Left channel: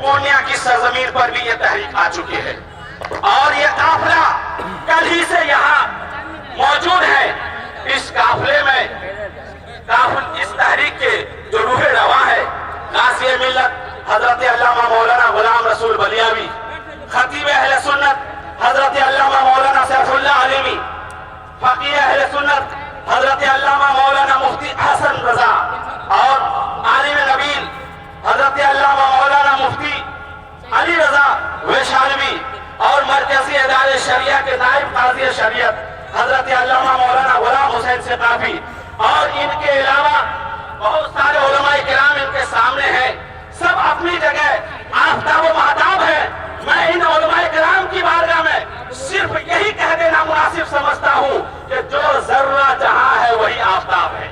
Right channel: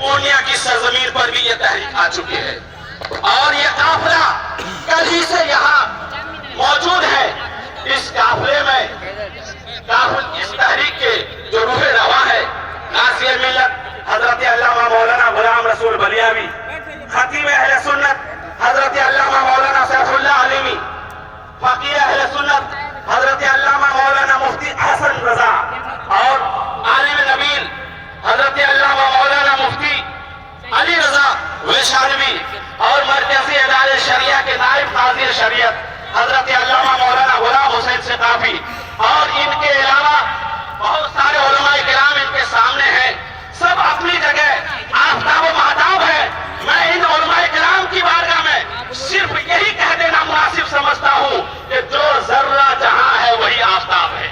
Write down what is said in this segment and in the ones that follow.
پورنیا کی سرزمین پر بھی یہ تحریک آ چکی ہے اور یہ قافلہ کل ہی سے یہاں موجود ہے. اس قافلے میں اس تحریک کے جو روح رواں ہے قاضی ملت حضرت علامہ مولانا غلام رسول بلیاوی، خطیب اہل سنت حضرت علامہ مولانا سیف اللہ علیمی، فقیر اہل سنت حضرت علامہ مولانا مفتی حسن رضا اور عالم نبیل حضرت علامہ مولانا مفتی علی رضا ویشانوی اور مرکزی ادارے شریعہ کے نائب قاضی شریعت حضرت علامہ مولانا غلام حسین ثقافی اور ان کے علاوہ بہت سارے علماء کرام ان کے سامنے ہیں. سب اپنی جگہ آفتاب و مہتاب ہے. میں ان علماء کرام کی بارگاہ میں صرف یہی کہہ دینا مناسب سمجھتا ہوں کہ جو ذرہ جہاں ہے وہی آفتاب ہے.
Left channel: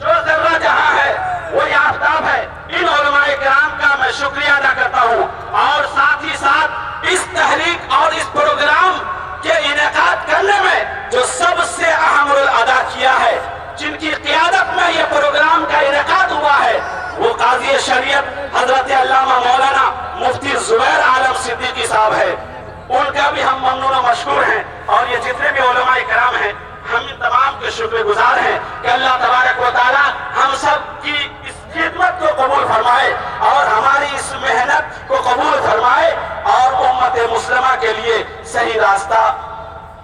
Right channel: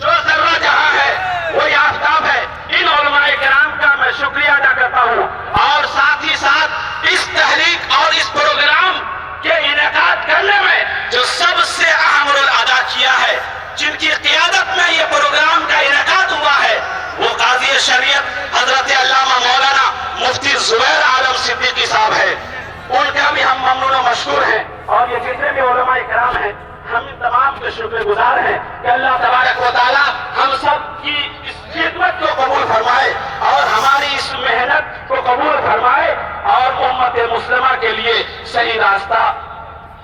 جو ذرہ جہاں ہے وہی آفتاب ہے. ان علماء کرام کا میں شکریہ ادا کرتا ہوں اور ساتھ ہی ساتھ اس تحریک اور اس پروگرام کے انعقاد کرنے میں جو سب سے اہم رول ادا کیا ہے، جن کی قیادت میں یہ پروگرام کا انعقاد ہوا ہے، وہ قاضی شریعت حضرت علامہ مولانا مفتی زبیر عالم صدیقی صاحب ہے. ان کا بھی ہم ممنون و مشکور ہیں اور یہ جتنے بھی علماء کرام ہیں ہم ان تمام کے شکر گزار ہیں کہ اللہ تبارک و تعالی ہم سب کی اس خدمت کو قبول فرمائے اور ہماری اس محنت کو قبول فرمائے اور امت مسلمہ کے لیے صحیح راستہ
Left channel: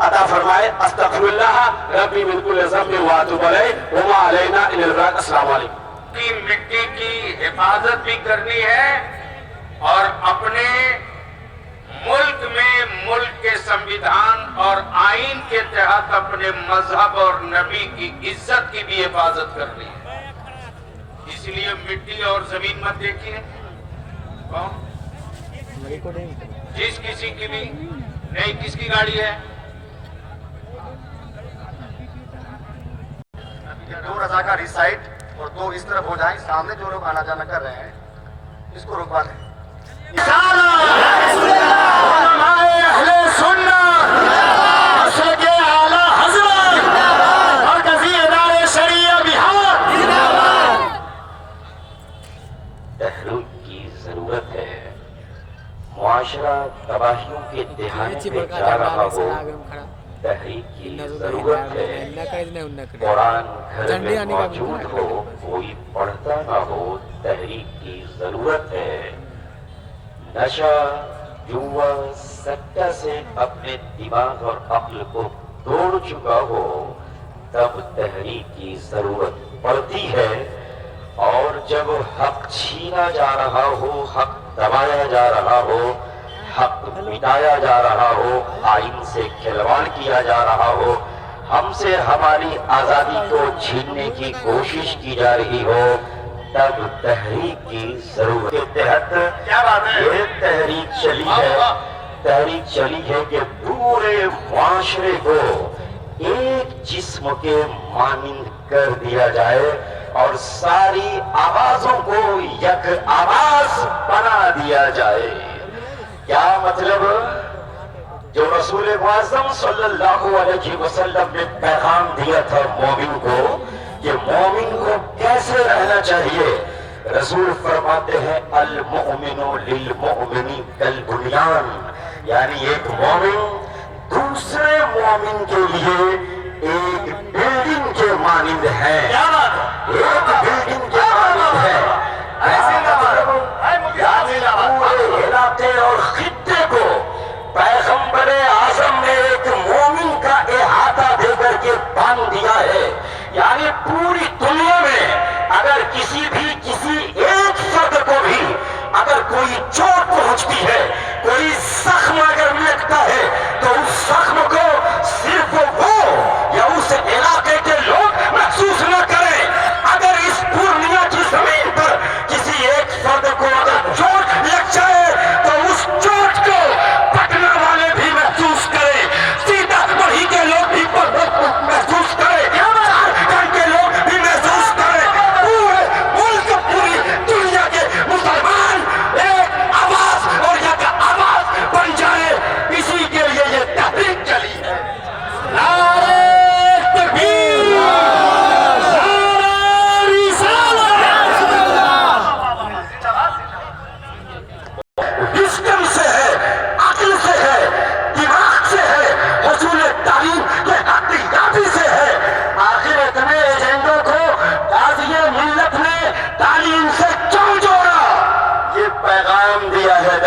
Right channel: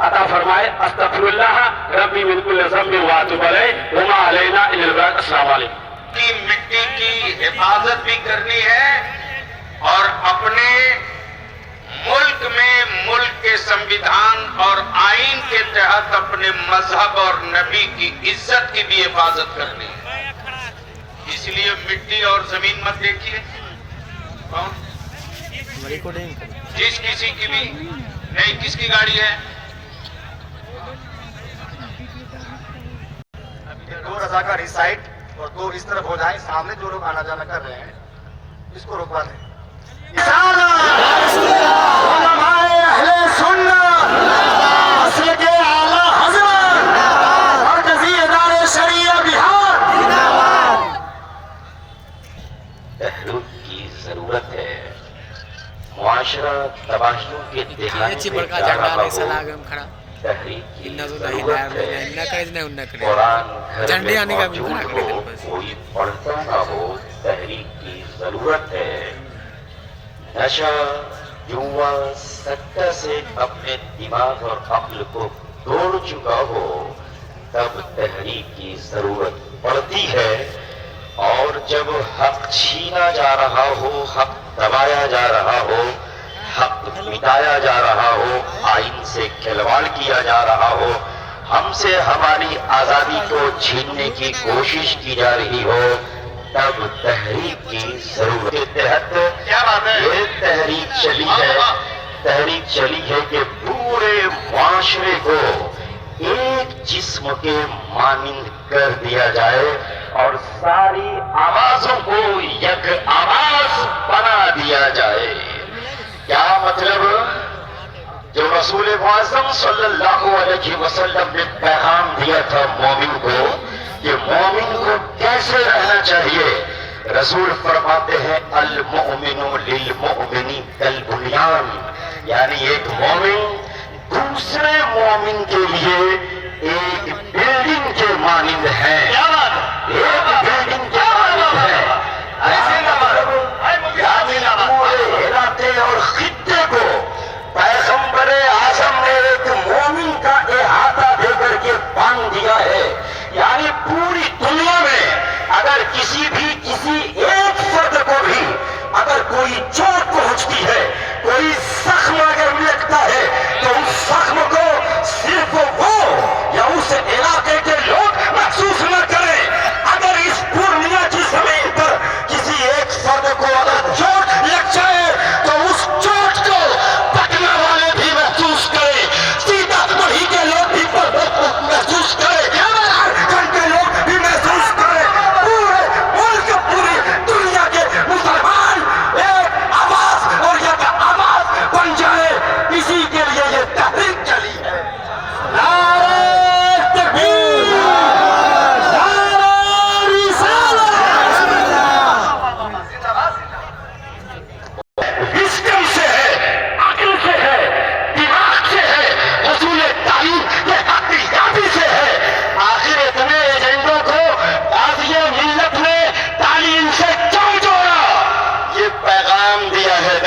عطا فرمائے. استغفر اللہ ربی من کل ذنب واتوب الیہ وما علینا الا البلاغ. السلام علیکم. کی مٹی کی حفاظت بھی کرنی ہے اور اپنے ملک میں ملک کے سنویدھان اور آئین کے تحت اپنے مذہب اور نبی کی عزت کی بھی حفاظت کرنی ہے. اس لیے مٹی اور زمین مت دیکھیے. جس کسی کی بھی نہیں، کس کی گاڑی ہے؟ دو رضاکار اس سائڈ اور دو اس طرف ہو جائیں. سامنے جو لوگ آنا جانا کر رہے ہیں اس کو رکوا دیں. تحریک کی ضرورت ہے. معاشرہ تباہیوں کے دہانے پہ جا رہا ہو، تحریک کی ضرورت ہے. قرآن گھر میں موجود ہو، کوئی پڑھتا نہ ہو، تحریک کی ضرورت ہے. نشہ جوا سکہ سے اپنے دماغ اور عقل کو توڑ چکا ہو تب تحریک کی ضرورت پڑتی ہے. اور جب حق چھینا جا رہا ہو، حق دبایا جا رہا ہو، حق مٹایا جا رہا ہو، آئین سے کھلواڑ کیا جا رہا ہو، ہم سے ہماری آزادی کو چھیننے کی کوشش کی جا رہی ہو، تب تحریک کی ضرورت کے تحت یہ تحریک چلی ہے کہ پورے معاشرے کو ایک جسم کے مانند کر دیا جائے اور ساری آوازوں کو یک آواز بنا دیا جائے. کیا مطلب؟ جو رسول معظم صلی اللہ علیہ وسلم نے پیغام دیا تھا مومن کو کہ مومن کو کیسے رہنا چاہیے، رسول فرماتے ہیں المؤمن للمؤمن کالبنیان، یعنی ایک مومن دوسرے مومن کے لیے ایک بلڈنگ کے مانند ہے. ایک بلڈنگ کے مانند ہے. پورے علاقے اور خطے کو پیغمبر اعظم نے ایک مومن کا احاطہ دے کر کے باندھ دیا ہے. یعنی پوری دنیا میں اگر کسی ایک فرد کو بھی اگر کوئی چوٹ پہنچتی ہے، کوئی زخم اگر لگتا ہے تو اس زخم کو صرف وہ یا اس علاقے کے لوگ محسوس نہ کریں. اگر اس پورنیا کی زمین پر کسی ایک فرد کو اگر چوٹ لگ جائے تو اس چوٹ کو پٹنہ والے بھی محسوس کریں، سیتا وہی کے لوگ بھی محسوس کریں، جھارکھنڈ کے لوگ بھی محسوس کریں. پورے ملک، پوری دنیا کے مسلمان ایک آواز اور یک آواز بن جائے، اسی کے لیے یہ تحریک چلی ہے.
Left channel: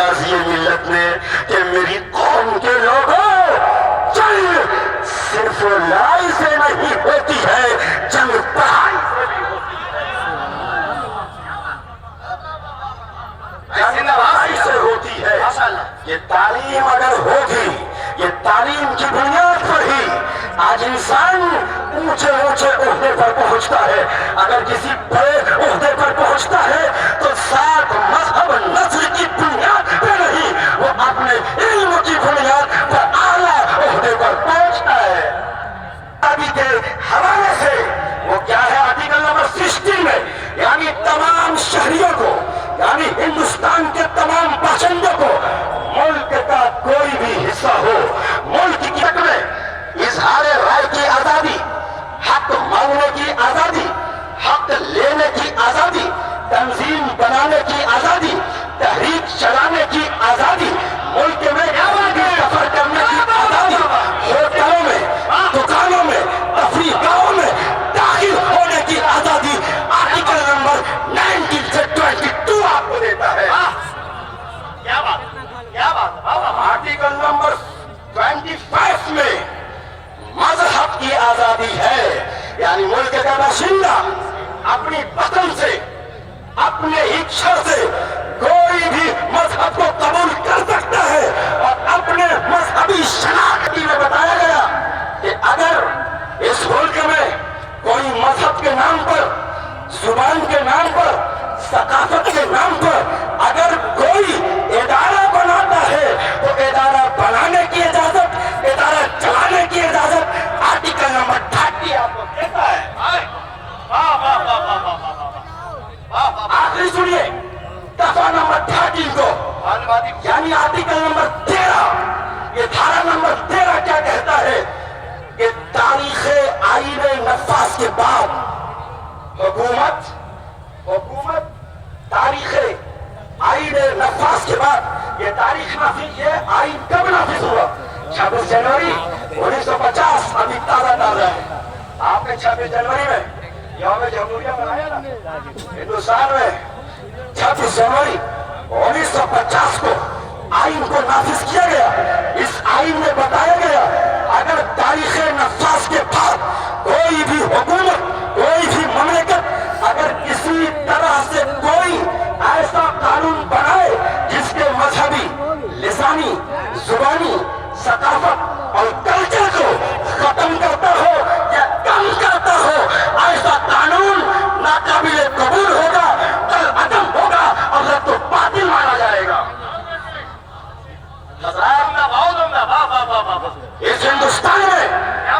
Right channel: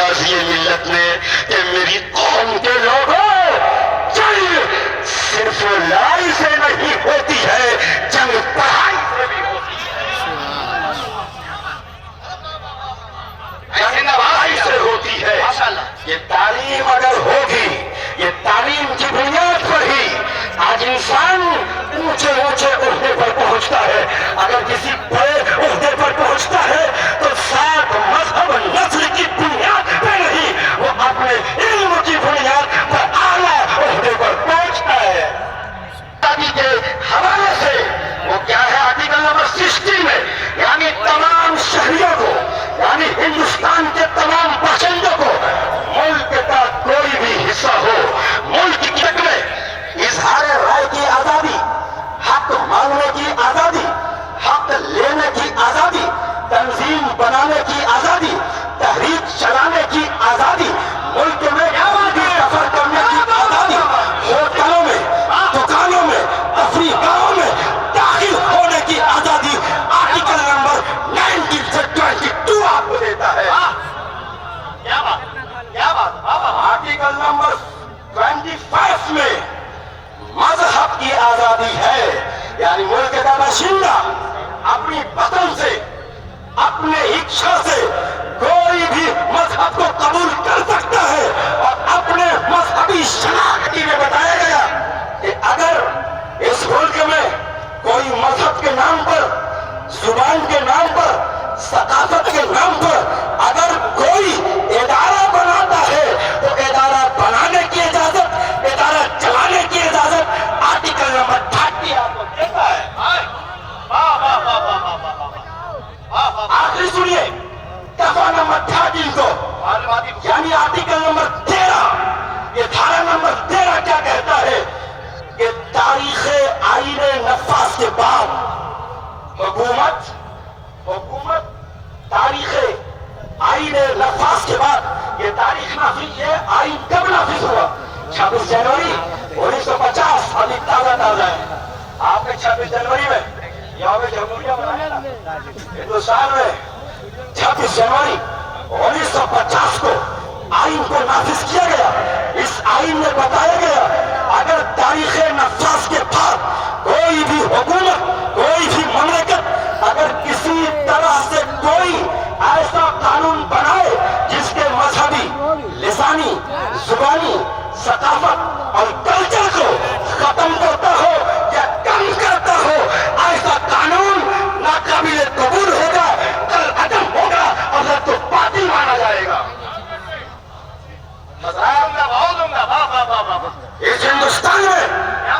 بازی ملت نے کہ میری قوم کے لوگوں جنگ صرف لائی سے نہیں ہوتی ہے، جنگ پڑھائی سے بھی ہوتی ہے، جنگ پڑھائی سے ہوتی ہے۔ یہ تعلیم اگر ہوگی، یہ تعلیم کی بنیاد پر ہی آج انسان اونچے اونچے عہدے پر پہنچتا ہے۔ اگر کسی بڑے عہدے پر پہنچتا ہے تو ساتھ مذہب نسل کی بنیاد پہ نہیں، وہ اپنے علم کی بنیاد پر اعلیٰ عہدے پر پہنچتا ہے۔ آزادی کے حوالے سے وہ کیا ہے آرٹیکل نمبر 60 میں، یعنی تمام شہریوں کو، یعنی ہندوستان کے تمام باشندوں کو ملک کا کوئی بھی حصہ ہو، ملک کی میں اظہار رائے کی آزادی، حق مانگنے کی آزادی، حق لینے کی آزادی، تنظیم بنانے کی آزادی، تحریک چلانے کی آزادی، ملک میں سفر کرنے کی آزادی، ہوٹلوں میں، دکانوں میں، تفریح گاہوں میں داخل ہونے کی آزادی آرٹیکل نمبر 19 سے 22 آپ کو دیتا ہے۔ آرٹیکل نمبر 25 میں مذہب کی آزادی ہے، یعنی ملک کا باشندہ اپنی وطن سے، اپنے اچھا سے کوئی بھی مذہب کو قبول کر سکتا ہے، اور اپنے مذہبی شناخت میں بتایا گیا کہ اگر اس ملک میں کوئی مذہب کے نام پر، زبان کے نام پر، ثقافت کے نام پر اگر کوئی ادارہ بناتا ہے تو ادارہ بنانے کی اجازت، ادارہ چلانے کی اجازت آرٹیکل نمبر 30 آپ کو دیتا ہے۔ آخری سنیے دفعہ نمبر 13 کو، یعنی آرٹیکل نمبر 13، یہ دھارا نمبر 13 کیا کہتا ہے کہ تاریخ آئین نفاذ کے بعد حکومت تاریخ آئین نفاذ کے بعد، یہ تاریخ نافذ، یہ آئین کب نافذ ہوا؟ 26 جنوری 1950، ابھی تازہ ہے۔ آپ نے 26 جنوری میں یوم جمہوریہ منایا تھا ہندوستان میں۔ 26 جنوری 1950 کو آئین کو نافذ کیا گیا۔ اس آئین میں بتایا گیا اگر تاریخ نفاذ کے بعد کوئی بھی حکومت، کوئی بھی مملکت اگر کسی طرح سے کوئی ایسا قانون بنائے جس کے مذہبی، لسانی، زبانی، ثقافت اور کلچر کو ختم کرتا ہو یا کم کرتا ہو، ایسا قانون ناقابل قبول ہوگا، کالعدم ہوگا اور رد و باطل مانا جائے گا۔ اس ہندوستان میں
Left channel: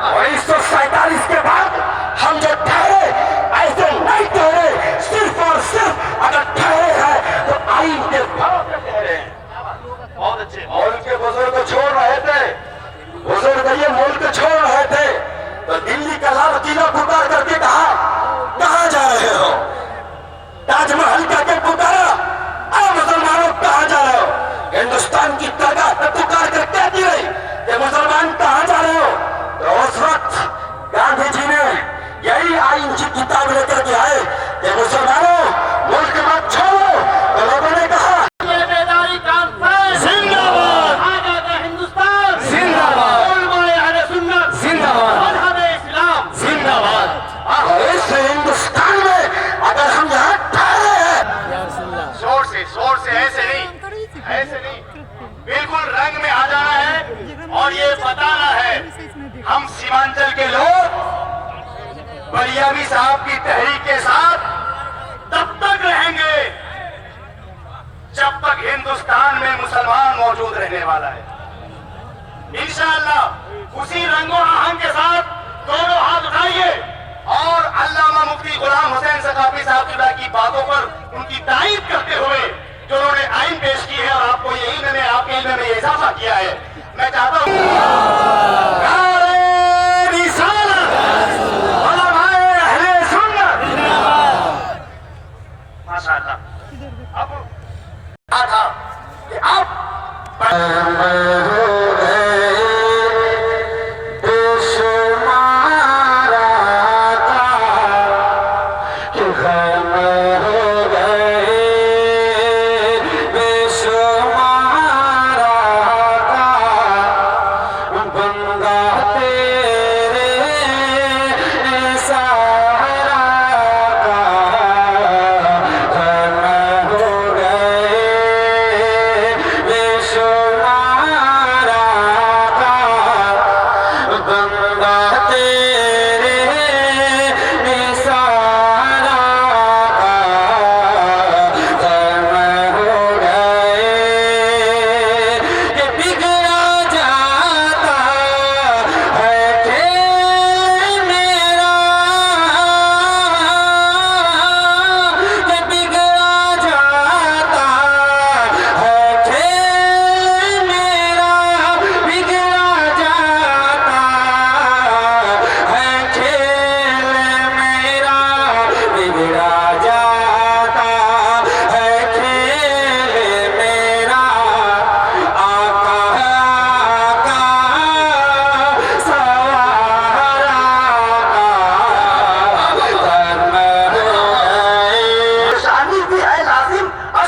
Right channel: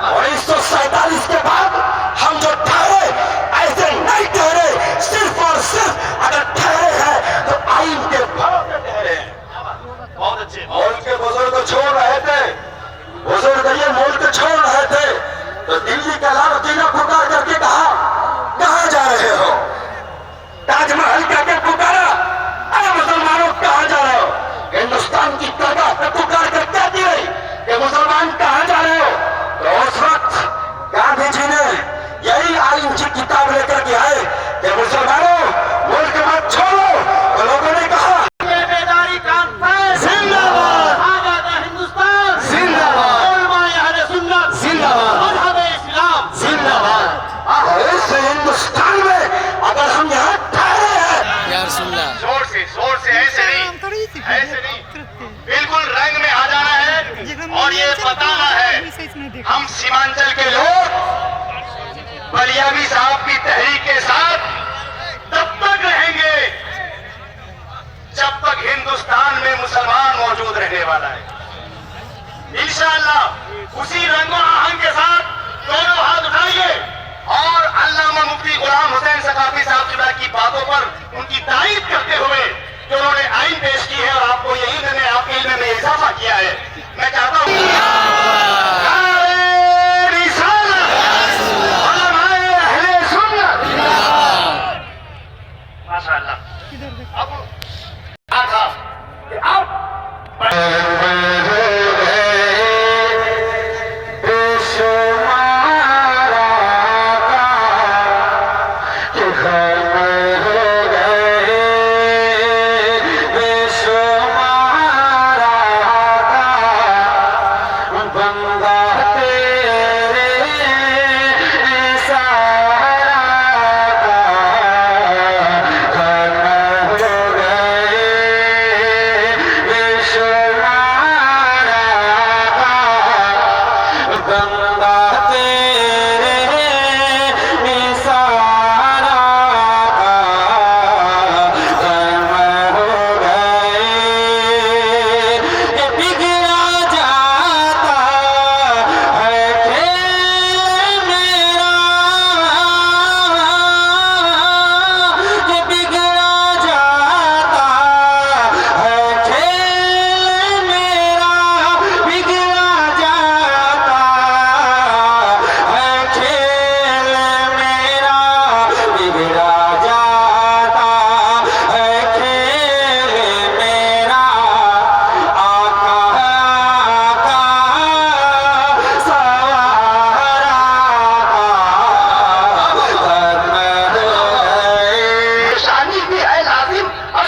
1947 کے بعد ہم جو ٹھہرے ایسے نہیں ٹھہرے، صرف اور صرف اگر ٹھہرے ہیں تو آئین کے بھروسے ٹھہرے ہیں۔ ملک کے بزرگ چھوڑ رہے تھے، بزرگ یہ ملک چھوڑ رہے تھے تو دلی کا لال قلعہ پکار کر کے کہا کہاں جا رہے ہو؟ تاج محل کہہ کے پکارا اے مسلمانوں کہاں جا رہے ہو؟ ہندوستان کی درگاہ پہ پکار کر کیا کی گئی کہ مسلمان کہاں جا رہے ہو؟ تو اس وقت گاندھی جی نے یہی آئین کی کتاب لے کر کے آئے کہ مسلمانوں ملک مت چھوڑو، تو لوگوں نے کہا ہندوستان میں اگر ہم یہاں ٹھہرے ہیں، زور سے ایسے نہیں بالکل رنگ میں آ جانا ہے اور یہ بتانا ہے ہم سیمانچل کے لوگ بلیابی صاحب کی تحریک کے ساتھ تب تک رہیں گے جب تک ہندوستان میں مسلمان موجود رہنے والا ہے۔ انشاءاللہ اسی رنگ و آہنگ کے ساتھ دونوں ہاتھ اٹھائیے اور علامہ مفتی غلام حسین ثقافی صاحب کی باتوں پر ان کی تعریف کرتے ہوئے جو انہوں نے آئین پیش کی ہے اور آپ کو یہی میں نے آپ کے علم میں اضافہ کیا ہے، میں چاہتا ہوں ماشاءاللہ اب تھا کہ اب ہو گئے بے شمار